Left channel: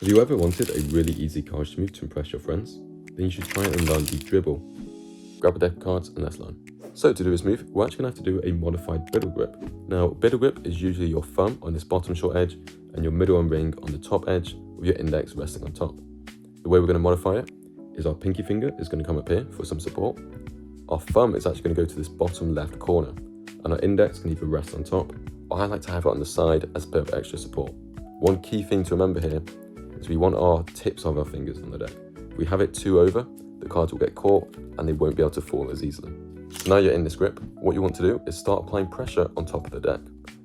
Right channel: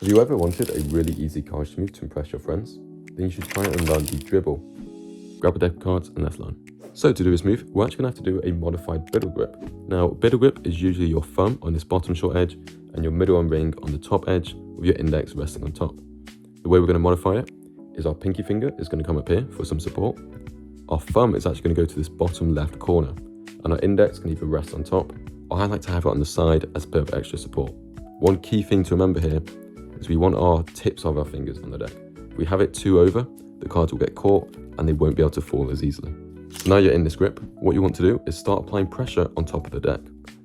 Have you ever wanted a really easy cardistry move to impress your friends? Then you should try and learn the Dribble. Grab a deck of cards and let's learn. So to do this move, we're actually going to have to do a modified Biddle grip. Now, Biddle grip is usually your thumb on this bottom short edge and your middle arm ring on the top edge with your index resting on top. The way we're going to modify it is our pinky finger is going to come up here for some support. Our thumb is actually going to go to this bottom left corner and our index can either rest on top or I like to have it on the side as a bit of extra support. One key thing to remember here is we want our tips of our fingers on the deck. If we have it too over, the cards will get caught and they won't be able to fall as easily. Now you're in this grip, what you want to do is start applying pressure on top of the deck.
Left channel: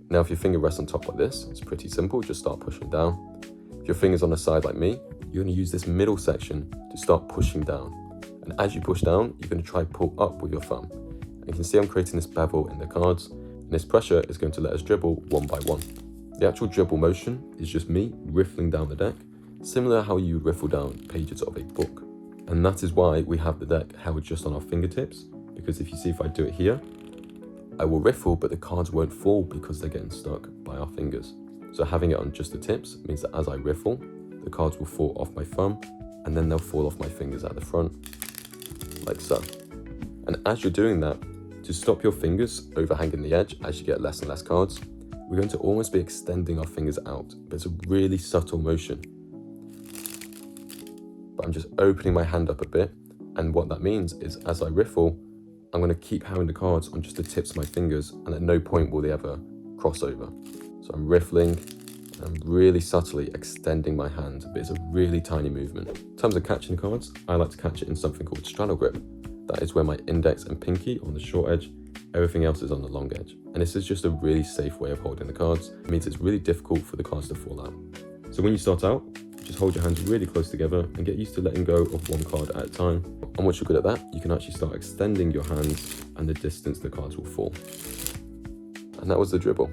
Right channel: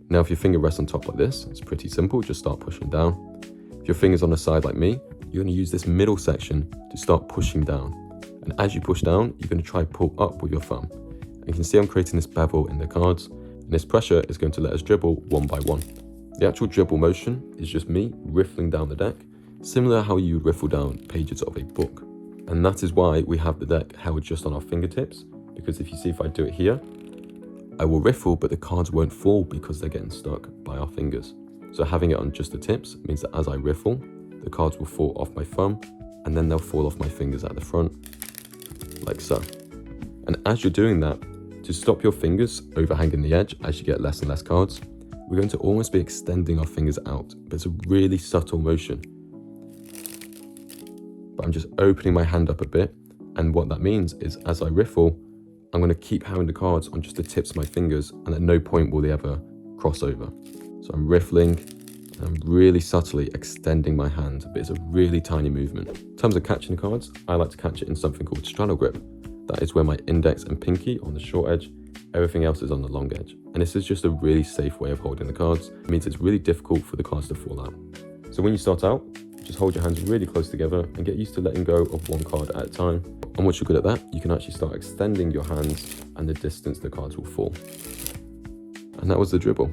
Now if your finger rests on top like this, it's pretty simple, just start pushing down. If your finger's on the side like me, you're going to use this middle section to start pushing down. And as you push down, you're going to try and pull up with your thumb. And you can see I'm creating this bevel in the cards, and this pressure is going to let us dribble one by one. The actual dribble motion is just me riffling down the deck, similar how you would riffle down pages of a book. And that is why we have the deck held just on our fingertips, because if you see if I do it here, I will riffle, but the cards won't fall because they're getting stuck by our fingers. So having it on just the tips means that as I riffle, the cards will fall off my thumb, and then they'll fall off my fingers at the front, like so. And as you're doing that, to stop your fingers overhanging the edge as you get less and less cards, we're going to almost be extending our fingers out, but it's a really subtle motion. But I'm just opening my hand up a bit, and what that means is as I riffle, I'm going to keep having the cards on just the tips of my fingers, and at no point will they ever cross over. So I'm riffling, and I'm really subtly extending my hand, but it's a really tiny movement. In terms of catching cards, I like to catch it in something called straddle grip. That is where my index and pinky on the short edge, everything else is on the long edge. And this is just a really safe way of holding the cards. It means it's really difficult for the cards to fall out. So when you start out, just hold your hands really close together and get used to letting go of one card at a time. And once you're good at that, you can actually start extending your hands and the distance the cards will fall. And that was the Dribble.